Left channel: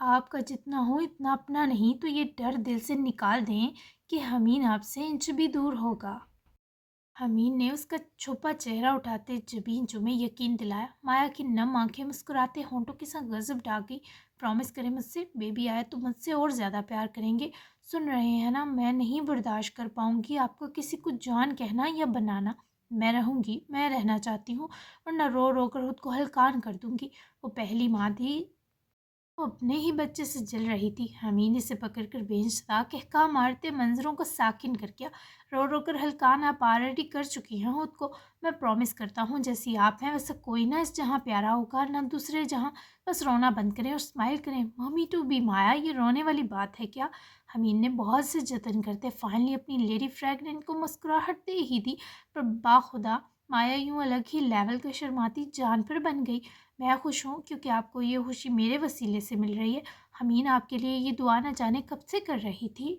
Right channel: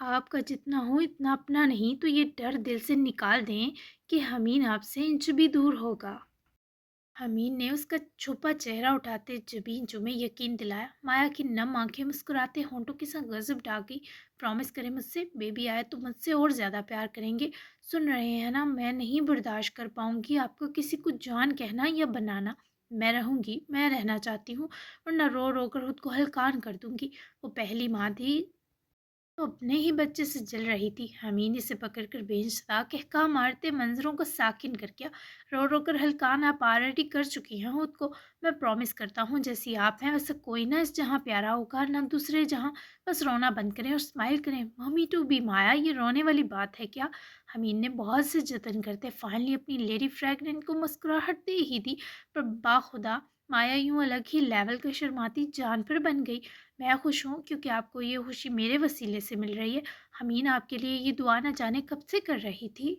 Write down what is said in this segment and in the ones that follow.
آپ کا جتنا ہو اتنا اپنا نہیں تو یہ ڈر دل سے نکال دیں کہ حمین آپ سے انچ بھی دور ہوگا۔ حمید نے اس کا چھپا چہرہ اٹھاتے جبین میں یقین دلایا۔ مایا کی نم آنکھیں مسکراتے ہونٹوں کے ساتھ غضب ڈال گئی۔ پرومس کریں مجھ سے، بیبی آئے تو مجھ سے اور زیادہ پیار کریں گے۔ سن رہے ہیں نا، میں نہیں برداشت کر پاؤں گی آپ کو کسی کو جان کہنا یا بنانا۔ میں رہوں گی، میں رہنا چاہتی ہوں، ورنہ رو رو کر خود کو ہلکان کر دوں گی۔ وہ پہلی ماں تھی، وہ اپنے ہی بچے سے جل رہی تھی۔ حمید نے اسے پکڑ کر بینچ تھا کہکا مارتے منظروں کو ساکن کر کیا۔ رو رو کر ہلکان آپ آلریڈی کر چکی ہیں خود کو۔ میں پرومس کرتا ہوں جیسی آپ ہیں ویسا کوئی نہ اس جہاں پیارا ہوگا نہ دوسرے جہاں۔ بس رونا بند کریں اور اسمائل کریں۔ ممی ٹو بی مایا، یہ رونے والی بات ہے کیا؟ حمید نے بہت سے جتن کرتے فائنلی اپنی لیڈی فریگننٹ کو مسکراہٹ دے ہی دی، پر باخدا مایا یوں الگ ہی لیول کا شرماتی جان پر بن گئی۔ میں خوش ہوں کیونکہ آپ کو یہ خوشی میرے وسیلے سے مل رہی ہے۔ حمید آپ کے لیے یہ دعا نہ جانے کب سے کر رہی تھی۔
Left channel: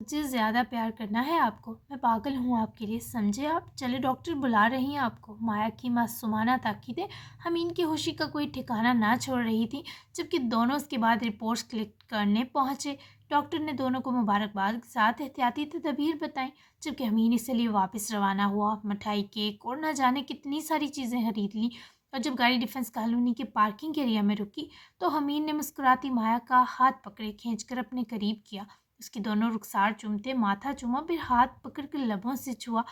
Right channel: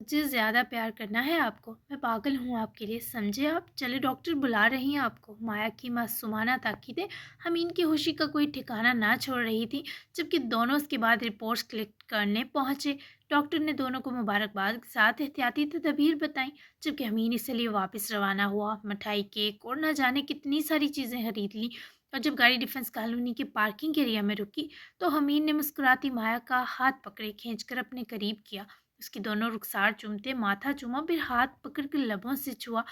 مجھے زیادہ پیار کرنا ہے آپ کو، میں پاگل ہوں آپ کے لیے، سمجھے آپ؟ چلے ڈاکٹر بلا رہی ہیں آپ کو۔ مایا کی معصومانہ تاکیدیں حمید کی خوشی کا کوئی ٹھکانہ نہ چھوڑ رہی تھی، جبکہ دونوں اس کے بعد رپورٹس کلیکٹ کرنے پہنچے۔ ڈاکٹر نے دونوں کو مبارکباد کے ساتھ احتیاطی تدابیر بتائیں، جبکہ حمید اس لیے واپس روانہ ہوا۔ مٹھائی، کیک اور نہ جانے کتنی ساری چیزیں خرید لیں، اور جب گاڑی ڈیفنس کالونی کے پارکنگ ایریا میں رکی تو حمید نے مسکراتی مایا کا ہاتھ پکڑے کھینچ کر اپنے قریب کیا۔ اس کی دونوں رخسار چومتے ماتھا چوما، پھر ہاتھ پکڑ کر لبوں سے چھوا۔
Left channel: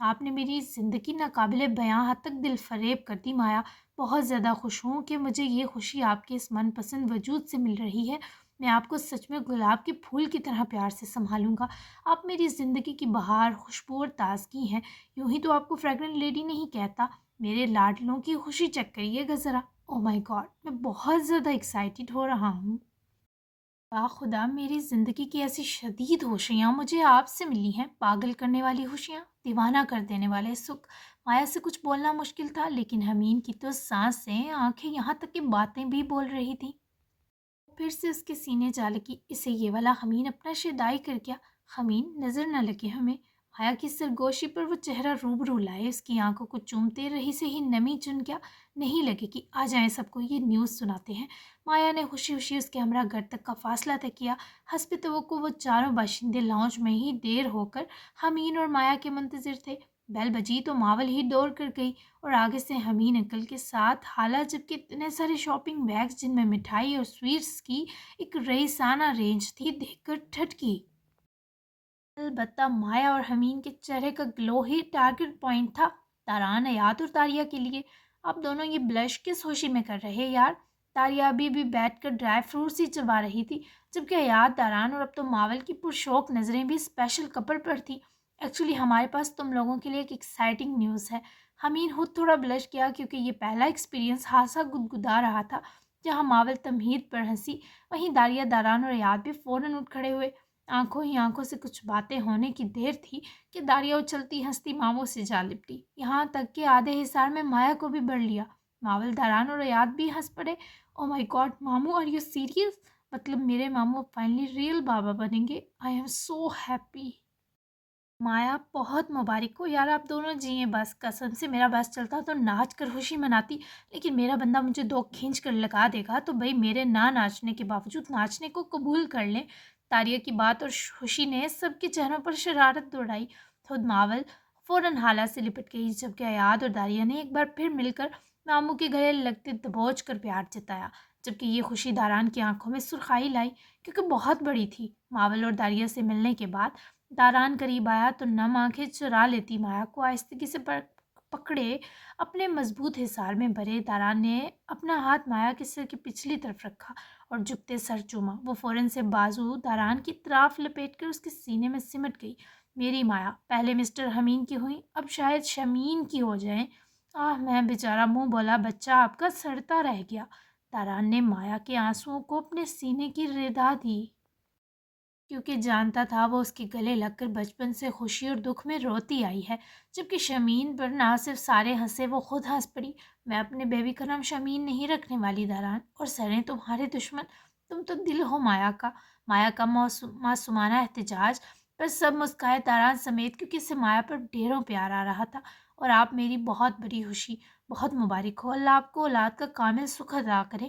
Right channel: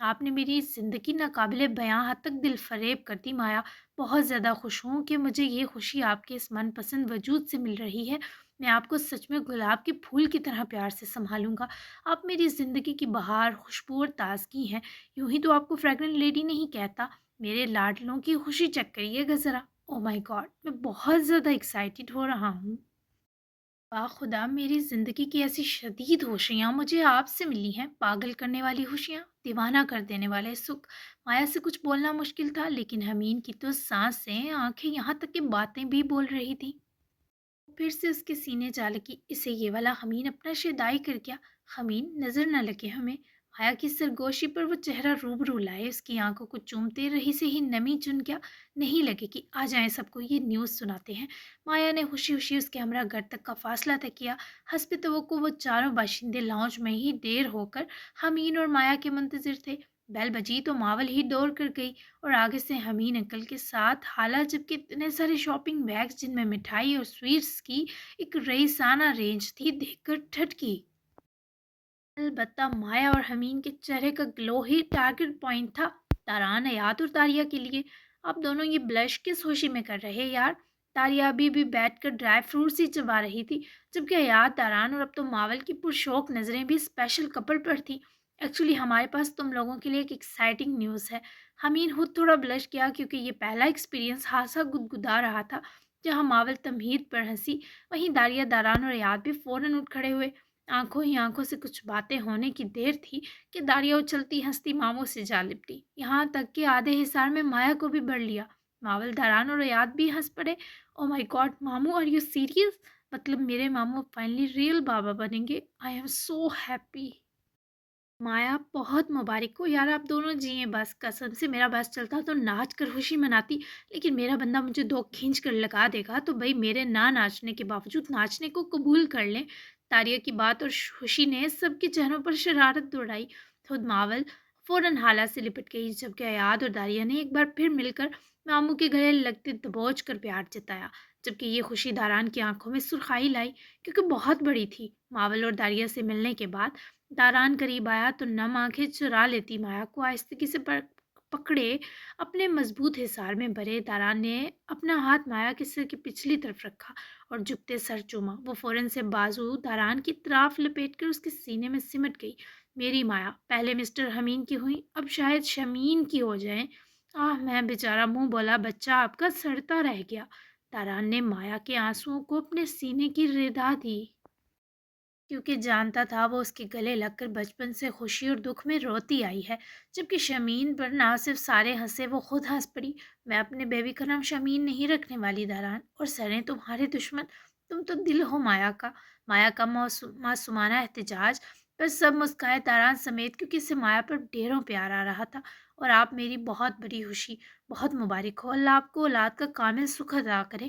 آپ نے میری زندگی ناقابل بیاں حد تک دل فریب کر دی مایا۔ بہت زیادہ خوش ہوں کہ مجھے یہ خوشی آپ کے اس من پسند وجود سے مل رہی ہے۔ میں آپ کو سچ میں گلاب کے پھول کی طرح پیار سے سنبھالوں گا۔ آپ میری زندگی کی بہار، خوشبو اور تازگی ہیں۔ یوں ہی تو آپ کو فریگرنٹ لیڈی نہیں کہتا۔ میرے لاڈلوں کی خوشی چیک کریے گا ذرا۔ او مائی گاڈ، میں بہت زیادہ ایکسائٹیڈ ہو رہا ہوں۔ خدا، میری زندگی کی ایسی شدید خوشیاں مجھے آپ سے ملی ہیں، پاگل کرنے والی خوشیاں، دیوانہ کر دینے والے سکھ۔ مایا سے کچھ بولنا مشکل تھا، لیکن حمید کی تو سانسیں، آنکھیں، یہاں تک کہ باتیں بھی بول رہی تھیں۔ پھر سے اس کے سینے جا لگی۔ اسے یہ والا حمید اپنا شیدائی کر گیا۔ حمید نظر نہ لگے ہمیں۔ مایا کی سرگوشی پر وہ چہرہ روبرو لائے، اس کی آنکھوں کو چومتے رہی سے ہی نمی چن گیا۔ نہیں لگے کہ آ جائیں سب کو یہ نیوز سناتے ہیں۔ مایا نے خوشی خوشی اس کے ہمراہ گھر تک کا فاصلہ طے کیا۔ حسب توقع وہ چاروں باشندے لاؤنج میں ہی دیر ہو کر حمید اور مایا کے منتظر تھے۔ بیل بجی تو ماول ہی دوڑ کر گئی، اور آگے سے حمید انکل کے ساتھ حالہ، جبکہ اتنے سارے شاپنگ بیگز جن میں مٹھائی اور سویٹس کی ایک رئیسانہ رینج تھی دیکھ کر ٹھٹکی۔ البتہ مایا اور حمید کے چہرے کا گلو ہی ٹارگٹ پوائنٹ تھا۔ تاران، حیات اور تاریہ کے لیے آپ دونوں یہ بلش کس خوشی میں کر رہے یار؟ تاریہ ابھی بھی بیٹھ کر ڈرائی فروٹس ہی چبا رہی تھی، جبکہ حیات، تاران اور اب تو ماول کی پرشوق نظریں بھی اسپیشل کپل پر تھی۔ ایکچولی ہمارے پاس تم لوگوں کے لیے ایک ایکسائٹنگ نیوز ہے۔ حمید خود تھوڑا بلش کیا کیونکہ یہ پہلا ایکسپیرینس خاصا گدگدا رہا تھا۔ جہاں ماول تمہید پر ہنسی، وہیں داریہ، داران اور حیات بھی فوراً اٹھ کھڑے ہوئے۔ آنکھوں ہی آنکھوں سے کچھ باتیں ہونے کی دیر تھی کہ داریہ اچھلتی ہنستی ماموں سے جا لپٹی، یہاں تک کہ آدھے حصار میں مایا کو بھی بڑھ لیا۔ ماول، داران اور ریاض بھی ہنس پڑے۔ او مائی گاڈ ماموں، آر یو سیریس؟ مطلب میرے ماموں فائنلی ریئل بابا بنیں گے؟ I am so happy. مایا، بہت مبارک ہو یار، آپ دونوں جیئیں بس۔ قسم سے میرا بس چلتا تو ناچ کر خوشی مناتی، لیکن میرا بندہ مجھے دو کھینچ کر لگا دے گا تو بھائی میرے نہ ناچنے کے باوجود ناچنے کو قبول کر لیں۔ تاریہ کی بات اور خوشی نے سب کے چہروں پر شرارت دوڑائی۔ خود ماول فوراً حالہ سے لپٹ گئی، جبکہ حیات اور داریہ نے ایک بار پھر مل کر ماموں کے گلے لگتے دبوچ کر پیار جتایا، جبکہ یہ خوشی داران کی آنکھوں میں سرخائی لائی کیونکہ بہت بڑی تھی۔ ماول اور داریہ سے ملنے کے بعد داران قریب آیا تو نم آنکھیں چرا لیتی مایا کو آہستگی سے پکڑے اپنے مضبوط حصار میں بھرے۔ داران نے اپنا ہاتھ مایا کے سر کی پچھلی طرف رکھا اور جھکتے سر چوما۔ وہ فوراً سے بازو داران کی طرف لپیٹ کر اس کے سینے میں سمٹ گئی۔ میری مایا، پہلے مسٹر حمید کی ہوئی، اب شاید شمین کی ہو جائیں۔ میں بیچارہ منہ بولا بچہ آپ کا سڑتا رہ گیا۔ داران نے مایا کے آنسوؤں کو اپنے سینے کی ردا دی، کیونکہ جانتا تھا وہ اس کے گلے لگ کر بچپن سے خوشی اور دکھ میں روتی آئی ہے۔ جبکہ شمین پر نہ صرف سارے ہنسے، وہ خود ہنس پڑی۔ میں اپنے بیبی کا نام شمین نہیں رکھنے والی داران، اور سریں تمہارے دشمن، تم تو دل ہو مایا کا۔ مایا کا معصومانہ احتجاج پر سب مسکائے، داران سمیت، کیونکہ اسے مایا پر ڈھیروں پیار آ رہا تھا۔ اور آپ میری بہت بڑی خوشی، بہت مبارک ہو، اللہ آپ کو اولاد کا کامل سکھ عطا کرے۔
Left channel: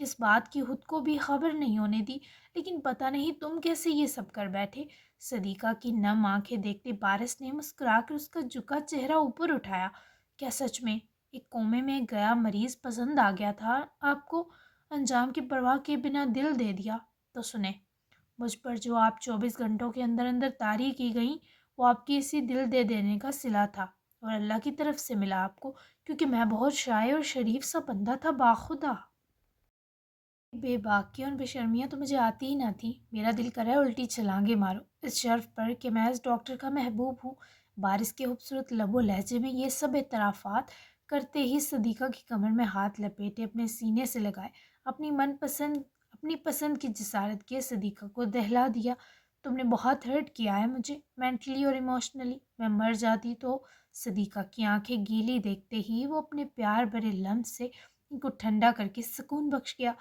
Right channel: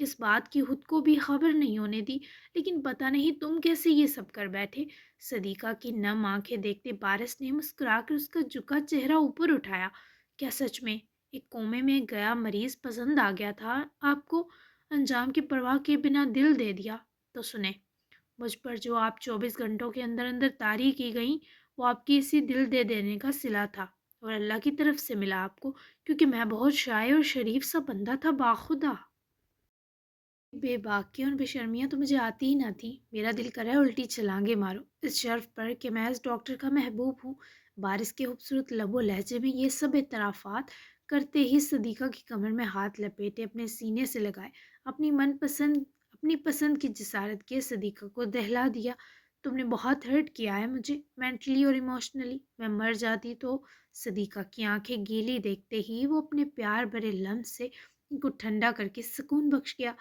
اس بات کی خود کو بھی خبر نہیں ہونے دی، لیکن پتہ نہیں تم کیسے یہ سب کر بیٹھے۔ صدیقہ کی نم آنکھیں دیکھتے بارش نے مسکرا کر اس کا جھکا چہرہ اوپر اٹھایا۔ کیا سچ میں ایک کومے میں گیا مریض پسند آ گیا تھا آپ کو؟ انجام کی پرواہ کے بنا دل دے دیا؟ تو سنیں، مجھ پر جو آپ 24 گھنٹوں کے اندر اندر طاری کی گئیں وہ آپ کی اسی دل دے دینے کا صلہ تھا، اور اللہ کی طرف سے ملا آپ کو، کیونکہ میں بہت شائع اور شریف سا بندہ تھا باخدا۔ بے باکیاں اور بے شرمیاں تو مجھے آتی ہی نہ تھیں۔ میرا دل کرا ہے الٹی چھلانگیں مارو اس شرف پر کہ میں اس ڈاکٹر کا محبوب ہوں۔ بارش کے خوبصورت لب و لہجے میں یہ سب اعترافات کرتے ہی صدیقہ کی کمر میں ہاتھ لپیٹے اپنے سینے سے لگائے، اپنی پسند کی جسارت کے صدیقہ کو دہلا دیا۔ تم نے بہت ہرٹ کیا ہے مجھے، مینٹلی اور ایموشنلی، میں مر جاتی تو۔ صدیقہ کی آنکھیں گیلی دیکھتے ہی وہ اپنے پیار بھرے لمس سے ان کو ٹھنڈا کر کے سکون بخش گیا۔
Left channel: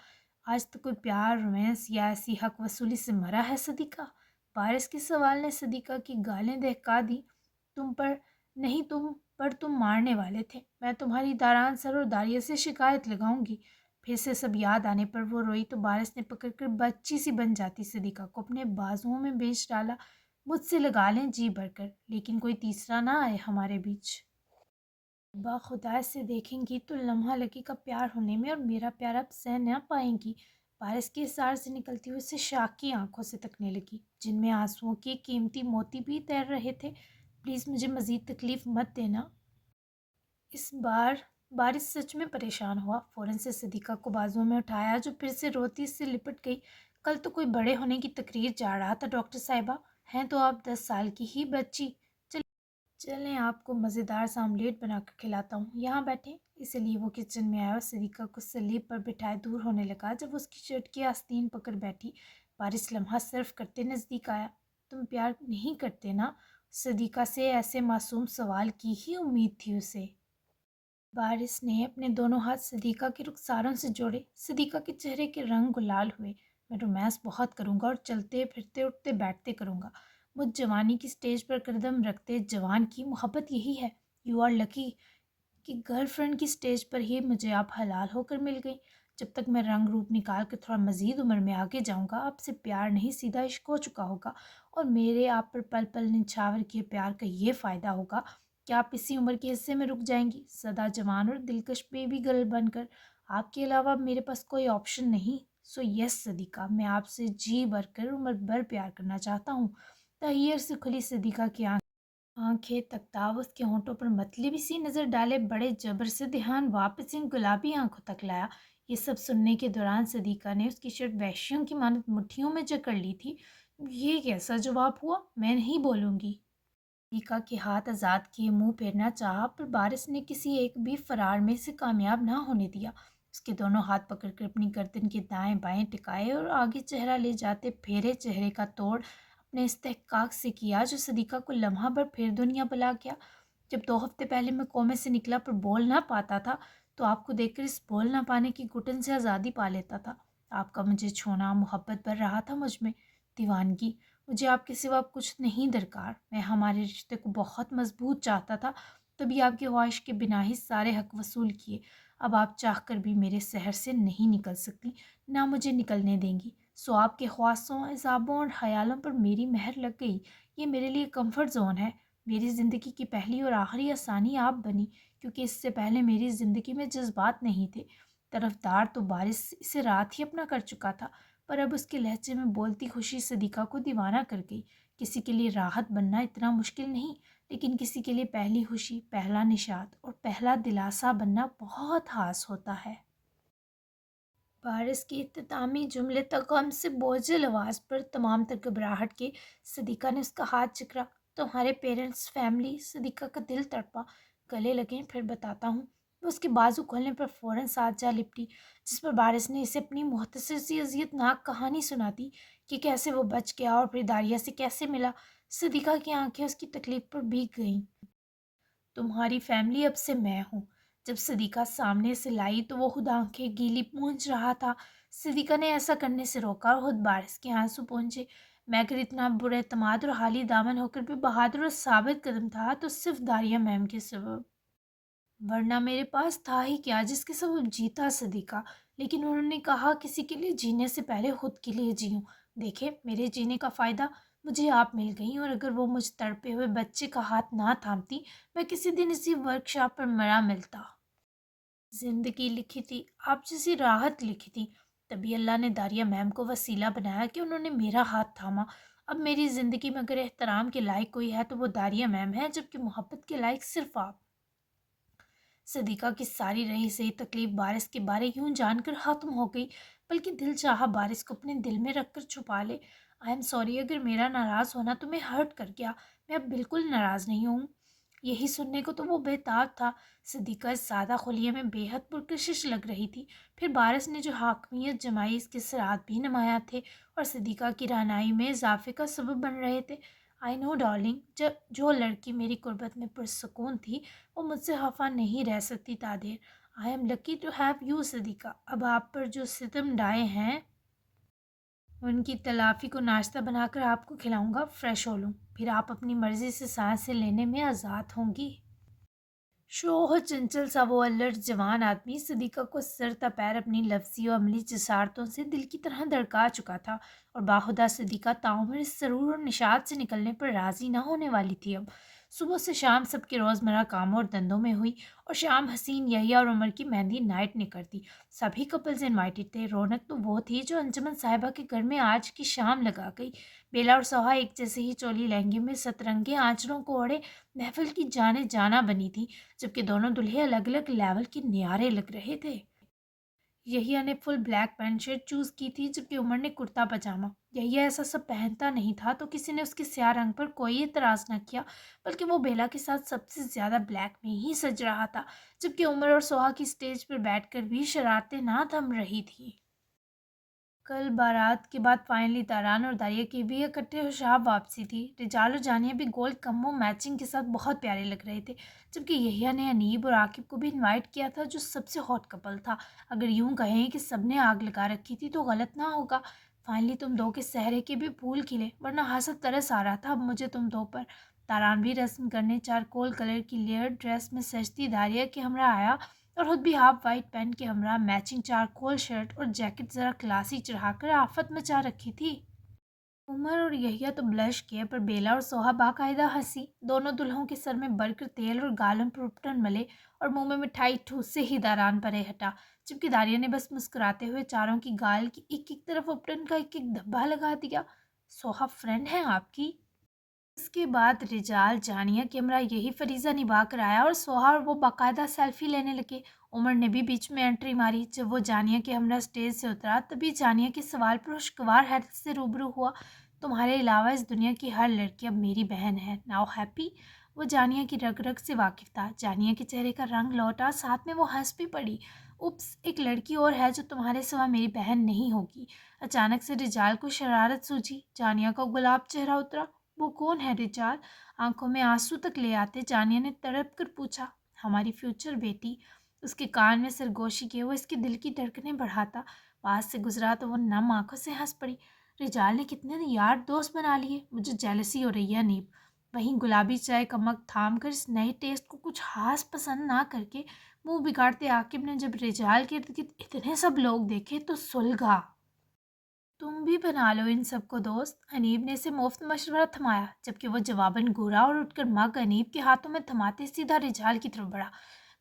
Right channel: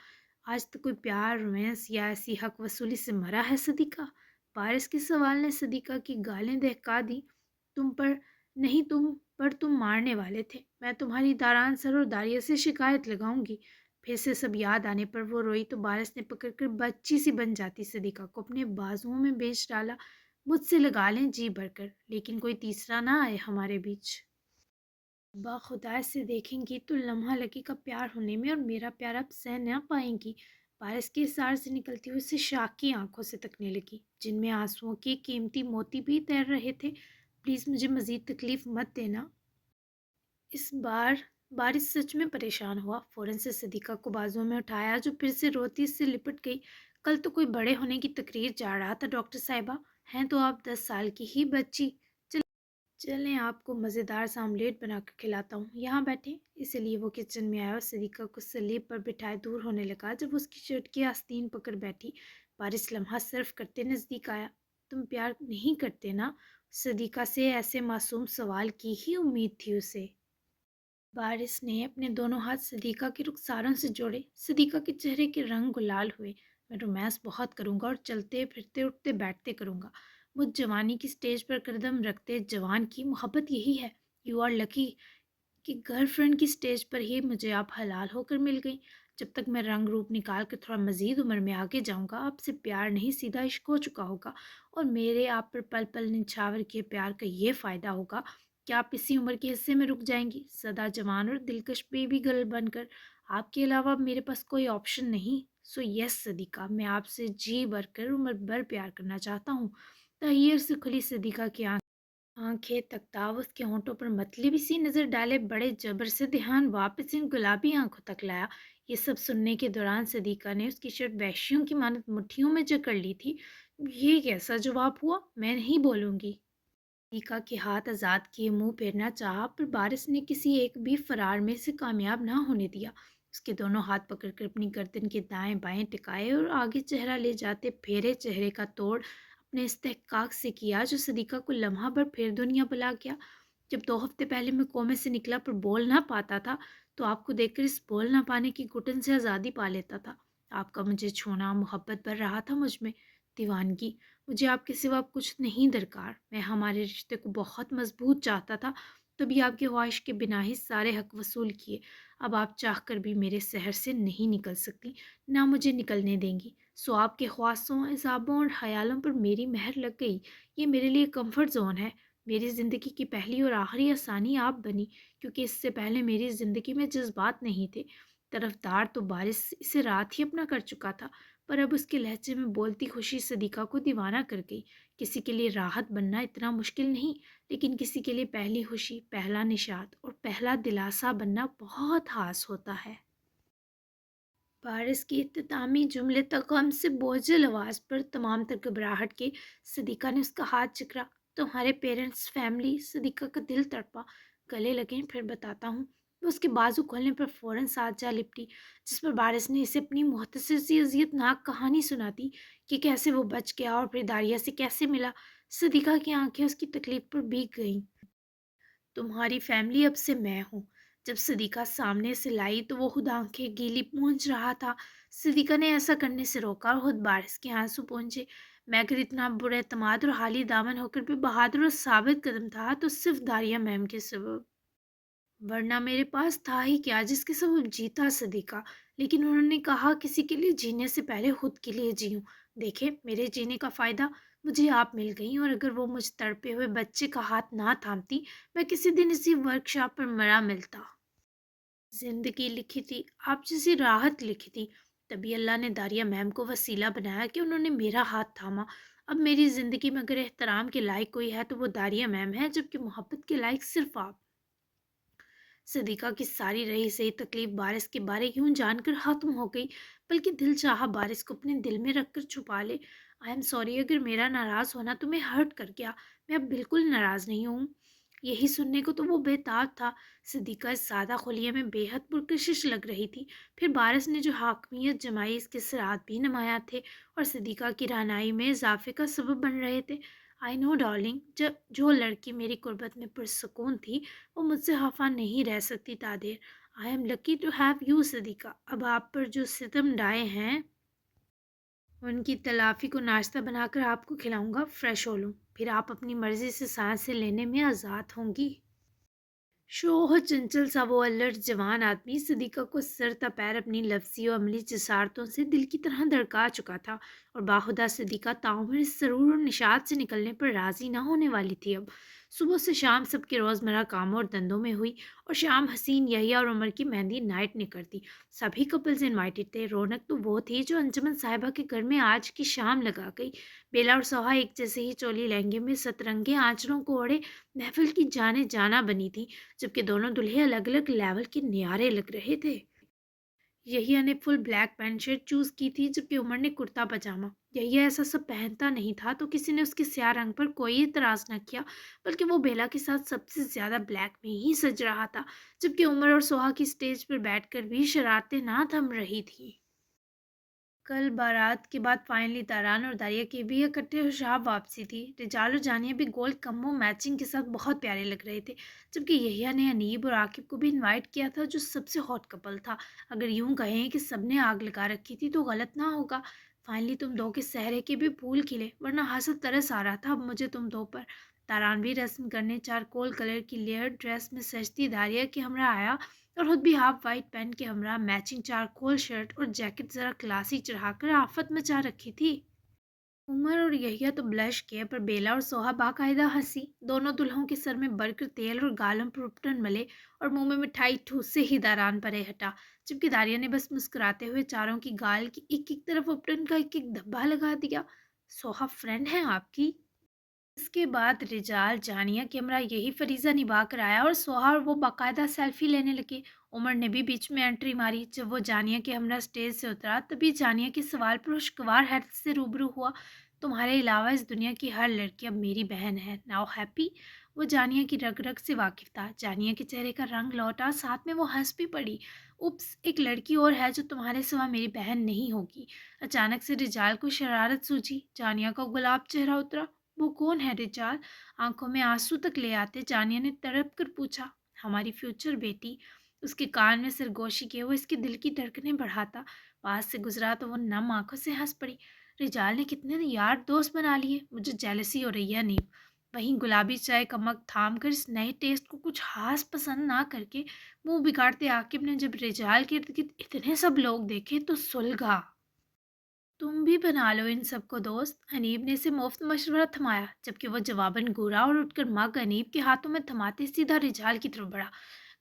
آج تو کوئی پیار، رومانس یا ایسی حق وصولی سے مرا ہے صدیقہ؟ بارش کے سوال نے صدیقہ کی گالیں دہکا دی۔ تم پر نہیں، تم مارنے والے تھے۔ میں تمہاری داران سر اور داریہ سے شکایت لگاؤں گی۔ پھر سے سب یاد آنے پر وہ روئی تو بارش نے پکڑ کر بچی سی بن جاتی صدیقہ کو اپنے بازوؤں میں بیچ ڈالا۔ مجھ سے لگا لیں جی بھر کر، لیکن کوئی تیسرا نہ آئے ہمارے بیچ۔ با خدا سے دیکھیں گی تو لمحہ لگے کا پیار ہونے میں، اور میرا پیار اب سہ نہ پائیں گی۔ بارش کے اثار سے نکلتی ہوئی اسے شاک کی آنکھوں سے تکنے لگی، جن میں آنسوؤں کے قیمتی موتی بھی تیر رہے تھے۔ پلیز مجھے مزید تکلیف مت دینا۔ اس بار بارش سچ میں پریشان ہوا، فوراً سے صدیقہ کو بازوؤں میں اٹھایا جو پھر سے روتی سے لپٹ گئی۔ کل تو کوئی بڑے ہونے کی تقریر جا رہا تھا ڈاکٹر صاحبہ، ہیں تو آپ 10 سال کی ہی بچی۔ چلیں آپ کو مزیدار سا آملیٹ بنا کر کھلاتا ہوں، یہاں بیٹھیں۔ اسی لیے وہ کچن میں آیا اور صدیقہ کو سلیب پر بٹھائے دور ہونے لگا۔ جب اس کی شرٹ کی آستین پکڑ بیٹھی، بارش لمحہ صرف کرتے نزدیک آیا۔ تم پیار نہیں کرتے نا؟ صدیقہ سے ایسے معصوم سوال کی ہی امید تھی اسے۔ بارش نے اپنے دونوں ہاتھ صدیقہ کے رخساروں سے جوڑے۔ صدیقہ کے چہرے کے رنگ گلال ہوئے۔ میں رومانس بہت کروں گا اور چلتے پھرتے اٹھتے بیٹھتے کروں گا۔ مجھ جوانی کی سٹیج پر قدم رکھتے جوان کی محبت یہی ہے۔ یو آر لکی کہ گرل فرینڈ کی سٹیج پر ہی مجھے آپ حلال ہو کر مل گئی۔ جب تک میں رنگ روپ نکال کر تھوڑا مزید عمر میں آگے جاؤں گا، آپ سے پیار نہیں سیدھا عشق ہو چکا ہوگا، اور میرے آپ پر پل پل نچھاور کیے پیار کا یہ فائدہ ہوگا کہ آپ اسی عمر کے حصے میں رک جائیں گی، سدا جوان اور دلکش بیبی گرل بن کر۔ آپ کے علاوہ اب میرے پاس کوئی آپشن نہیں۔ سو یس صدیقہ، میں آپ سے جی بھر کر عمر بھر پیار کرنا چاہتا ہوں۔ تحیر سے کھلی صدیقہ کی آنکھیں تکتاب اس کے ہونٹوں پر مطلبی سی نظر ڈالے بڑے جبر سے دھیان واپس ان گلابی آنکھوں تک لایا۔ یہ سب سننے کے دوران صدیقہ نے اس کی شرٹ وحشیوں کی مانند مٹھیوں میں جکڑ لی تھی۔ یہ کیسا جواب ہوا؟ میں نہیں بولوں گی۔ صدیقہ کے ہاتھ آزاد کیے منہ پھیرنا چاہا، پر بارش نے کسی ایک بھی فرار میں سے کامیاب نہ ہونے دیا۔ اس کے دونوں ہاتھ پکڑ کر اپنی گردن کے دائیں بائیں ٹکائے اور آگے چہرہ لے جاتے پھیرے چہرے کا توڑ اپنے استحقاق سے کیا، جو صدیقہ کو لمحہ بھر پھر دنیا بلا گیا۔ جب 2 ہفتے پہلے میں کومے سے نکلا پر بول نہ پاتا تھا، تو آپ کو دیکھ کر اس بول نہ پانے کی گھٹن سے آزادی پا لیتا تھا۔ آپ کا مجھے چھونا محبت بھر رہا تھا مجھ میں، دیوانگی۔ مجھے آپ کے سوا کچھ نہیں درکار۔ میں ہمارے رشتے کو بہت مضبوط چاہتا تھا، تبھی آپ کی خواہش کے بنا ہی سارے حق وصول کیے۔ اب آپ چاہ کر بھی میرے سحر سے نہیں نکل سکتی، نہ مجھے نکلنے دیں گی۔ سو آپ کے خواصوں، عذابوں اور خیالوں پر میری مہر لگ گئی۔ یہ میرے لیے کمفرٹ زون ہے۔ میری زندگی کی پہلی اور آخری آسانی آپ بنی، کیونکہ اس سے پہلے میری زندگی میں جذبات نہیں تھے۔ طرفدار تو بارش اسے رات ہی اپنا کر چکا تھا، پر اب اس کے لہجے میں بولتی خوشی صدیقہ کو دیوانہ کر گئی۔ کسی کے لیے راحت بننا اتنا مشکل نہیں، لیکن کسی کے لیے پہلی خوشی، پہلا نشاط اور پہلا دلاسا بننا بہت خاص ہوتا ہے۔ بارش کی اختتامی جملے تک غم سے بوجھل آواز پر تمام تر گھبراہٹ کے صدیقہ نے اس کا ہاتھ چکرا۔ تمہارے پیرنٹس، فیملی؟ صدیقہ کا دل تڑپا۔ گلے لگیں پھر بتاتا ہوں۔ وہ اس کے بازو کھولنے پر فوراً ساتھ جا لپٹی، جس پر بارش نے اسے اپنی مختصر سی اذیت ناک کہانی سنا دی کہ کیسے وہ بچ گیا اور پھر داریہ سے کیسے ملا۔ صدیقہ کی آنکھیں اس کی تکلیف پر بھیگ گئیں۔ تمہاری فیملی اب سے میں ہوں۔ جب صدیقہ سامنے سے لائی تو وہ خود آنکھیں گیلی پونچھ رہا تھا۔ صدیقہ نے ایسا کرنے سے روکا اور خود بارش کے آنسو پونچھے۔ میں اگر اتنا برے اعتماد اور حالی دامن ہو کر بھی بہادر اور ثابت قدم تھا تو صرف داریہ میم کے سبب، ورنہ میرے پاس تھا ہی کیا جس کے سبب جیتا۔ صدیقہ لیکن انہوں نے کہا کسی کے لیے جینے سے پہلے خود کے لیے جیوں۔ دیکھیں میرے جینے کا فائدہ مجھے آپ مل گئیں، اور اگر وہ مجھ تڑپے ہوئے بچے کا ہاتھ نہ تھامتی میں کسی دن اسی ورک شاپ پر مرا ملتا۔ زندگی لکھی تھی، آپ جیسی راحت لکھی تھی، تبھی اللہ نے داریہ میم کو وسیلہ بنایا کہ انہوں نے میرا ہاتھ تھاما۔ اب میری زندگی میں اگر احترام کے لائق کوئی ہے تو وہ داریہ میم ہے، جبکہ محبت کے لائق صرف آپ۔ صدیقہ کی ساری رہی سہی تکلیف بارش کے بارے یوں جان کر ختم ہو گئی، بلکہ دل چاہا بارش کو اپنے دل میں رکھ کر چھپا لے۔ آئی ایم سوری اگر میرا ناراض ہونا تمہیں ہرٹ کر گیا، میں اب بالکل ناراض نہیں ہوں۔ یہی سننے کو تو وہ بے تاب تھا۔ صدیقہ اس سادہ خلیے میں بے حد پرکشش لگ رہی تھی، پھر بارش نے جو حاکمیت جمائی اس کے اثرات بھی نمایاں تھے اور صدیقہ کی رہنائی میں اضافے کا سبب بن رہے تھے۔ آئی نو ڈارلنگ، جب جو لڑکی میری قربت میں پرسکون تھی وہ مجھ سے خفا نہیں رہ سکتی تادیر۔ I am lucky to have you Siddiqa. اب آپ پر جو ستم ڈھائے ہیں ان کی تلافی کو ناشتہ بنا کر آپ کو کھلاؤں گا، فریش ہو لوں، پھر آپ اپنی مرضی سے سانسیں لینے میں آزاد ہوں گی۔ شوہ چنچل سا وہ الرٹ جوان آدمی صدیقہ کو سر تا پیر اپنی لفظی و عملی جسارتوں سے دل کی طرح دڑکا چکا تھا، اور باخدا صدیقہ تعمیر اس سرور اور نشاط سے نکلنے پر راضی نہ ہونے والی تھی۔ اب صبح سے شام سب کے روزمرہ کاموں اور دندوں میں ہوئی، اور شام حسین یحییٰ اور عمر کی مہندی نائٹ نکلتی۔ سبھی کپلز انوائٹڈ تھے۔ رونق تو وہ تھی جو انجمن صاحبہ کے گھر میں آج کی شام لگا گئی۔ بیلا اور سوہا ایک جیسے ہی چولی لہنگے میں سترنگے آنچلوں کو اوڑھے محفل کی جانے جانا بنی تھی، جبکہ دونوں دلہے الگ الگ لیول کے نیارے لگ رہے تھے۔ یحییٰ نے فل بلیک پینٹ شرٹ چوز کی تھی، جبکہ عمر نے کرتا پاجامہ۔ یحییٰ ایسا سب پہنتا نہیں تھا تو کسی نے اس کے سیاہ رنگ پر کوئی اعتراض نہ کیا، بلکہ وہ بیلا کے ساتھ سب سے زیادہ بلیک میں ہی سج رہا تھا، جبکہ عمر اور سوہا کی سٹیج پر بیٹھ کر بھی شرارتیں نہ تھم رہی تھیں۔ کل بارات کے بعد فائنلی تاران اور داریہ کی بھی اکٹھے شاب واپسی تھی۔ رجال اور جانیہ بھی گولڈ کمبو میچنگ کے ساتھ بہت پیارے لگ رہے تھے، جبکہ یحییٰ نے انیب اور عاقب کو بھی انوائٹ کیا تھا جو سب سے ہاٹ کپل تھا۔ اگر یوں کہیں کہ سب نے آگ لگا رکھی تھی تو غلط نہ ہوگا۔ فائنلی تم دو کے سہرے کے بھی پھول کھلے، ورنہ حسد ترس آ رہا تھا اب مجھے تم دو پر۔ تاران بھی رسم کرنے چارکول کلر کی لیئر ڈریس میں سجتی داریہ کے ہمراہ آیا، اور خود بھی ہاف وائٹ پینٹ کے ہمراہ میچنگ چارکول شرٹ اور جیکٹ ذرا کلاسی چڑھا کر آفت مچا رکھی تھی۔ عمر اور یحییٰ تو بلش کیے، پر بیلا اور سوہا باقاعدہ ہنسی۔ دونوں دلہوں کے سر میں برقر تیل اور گالوں پر اپٹن ملے، اور منہ میں مٹھائی ٹھوس سے ہی داران پرے ہٹا، جبکہ داریہ نے بس مسکراتے ہوئے چاروں کی گال کی ایک ایک طرف اپٹن کا ایک ایک دھبا لگا دیا۔ سوہا فرینڈ ہے آپ کی؟ اس کے بعد رجال جانیہ کے ہمراہ یہی فریضہ نبھا کر آیا، اور سوہا اور وہ باقاعدہ سیلفی لینے لگے۔ عمر نے بھی بیچ میں انٹری ماری۔ جب وہ جانیہ کے ہمراہ سٹیج سے اترا تبھی جانیہ کے سوال پر خوشگوار حیرت سے روبرو ہوا۔ تمہارے علاوہ اس دنیا کی ہر لڑکی اب میری بہن ہے، ناؤ ہیپی؟ وہ جانیہ کی رگ رگ سے واقف تھا۔ جانیہ کے چہرے کا رنگ لوٹا، ساتھ میں وہ ہنس بھی پڑی۔ اوپس، ایک لڑکی اور ہے جو تمہارے سوا میری بہن نہیں ہوگی۔ اچانک سے رجال کو شرارت سوجی۔ جانیہ کا گلاب چہرہ اترا۔ وہ کون ہے رجال؟ آنکھوں میں آنسو تک لے آتے جانیہ نے تڑپ کر پوچھا۔ ہماری فیوچر بیٹی۔ اس کے کان میں سرگوشی کیے وہ اس کے دل کی دھڑکنیں بڑھاتا۔ پاس سے گزرا تو وہ نم آنکھوں سے ہنس پڑی۔ رجال نے کتنے یار دوست بنا لیے، مجھے جیلسی ہو رہی ہے نیب۔ وہیں گلابی چائے کا مگ تھام کر اس نئے ٹیسٹ کو کچھ خاص پسند نہ کر کے منہ بگاڑتے عاقب نے جب رجال کے ارد گرد اتنے سب لوگ دیکھے تو سلگا۔ تم بھی بنا لو ان سب کو دوست، انیب نے اسے مفت مشورہ تھمایا، جبکہ وہ جواباً گورا اور اٹھ کر مگ انیب کے ہاتھوں میں تھماتے سیدھا رجال کی طرف بڑھا۔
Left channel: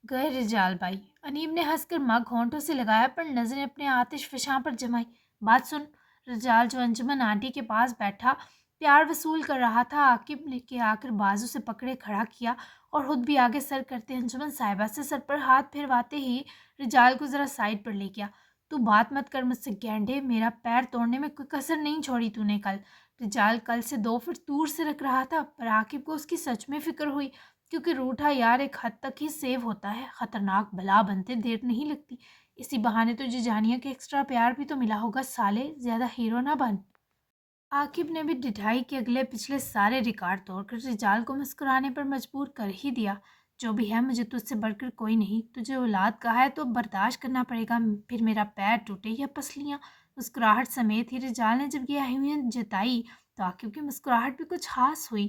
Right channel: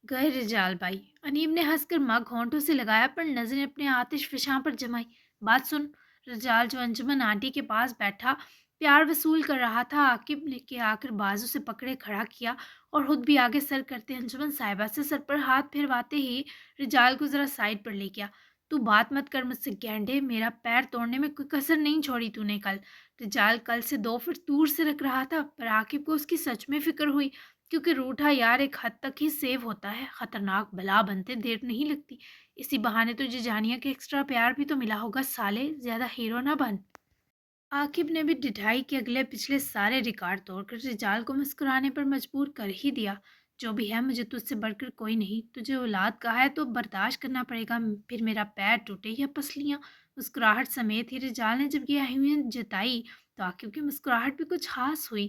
گئے رجال بھائی، انیب نے ہنس کر مگ ہونٹوں سے لگایا پر نظریں اپنے آتش فشاں پر جمائی۔ بات سن۔ رجال جو انجمن آنٹی کے پاس بیٹھا پیار وصول کر رہا تھا، عاقب نے کے آ کر بازو سے پکڑے کھڑا کیا، اور خود بھی آگے سر کرتے انجمن صاحبہ سے سر پر ہاتھ پھرواتے ہی رجال کو ذرا سائڈ پر لے گیا۔ تو بات مت کر مجھ سے گینڈے، میرا پیر توڑنے میں کوئی کسر نہیں چھوڑی تو نے کل۔ رجال کل سے 2 فٹ دور سے رکھ رہا تھا، پر عاقب کو اس کی سچ میں فکر ہوئی، کیونکہ روٹھا یار ایک حد تک ہی سیو ہوتا ہے، خطرناک بلا بنتے دیر نہیں لگتی۔ اسی بہانے تجھے جانیہ کے ایکسٹرا پیار بھی تو ملا ہوگا سالے، زیادہ ہیرو نہ بن۔ عاقب نے بھی ڈٹھائی کے اگلے پچھلے سارے ریکارڈ توڑ کر رجال کو مسکرانے پر مجبور کر ہی دیا۔ جو بھی ہے مجھے تجھ سے بڑھ کر کوئی نہیں، تجھے اولاد کا ہے تو برداشت کرنا پڑے گا، پھر میرا پیر ٹوٹے یا پسلیاں۔ مسکراہٹ سمیت ہی رجال نے جب یہ اہمیت جتائی تو عاقب کی مسکراہٹ بھی کچھ خاص ہوئی۔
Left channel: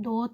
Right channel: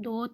2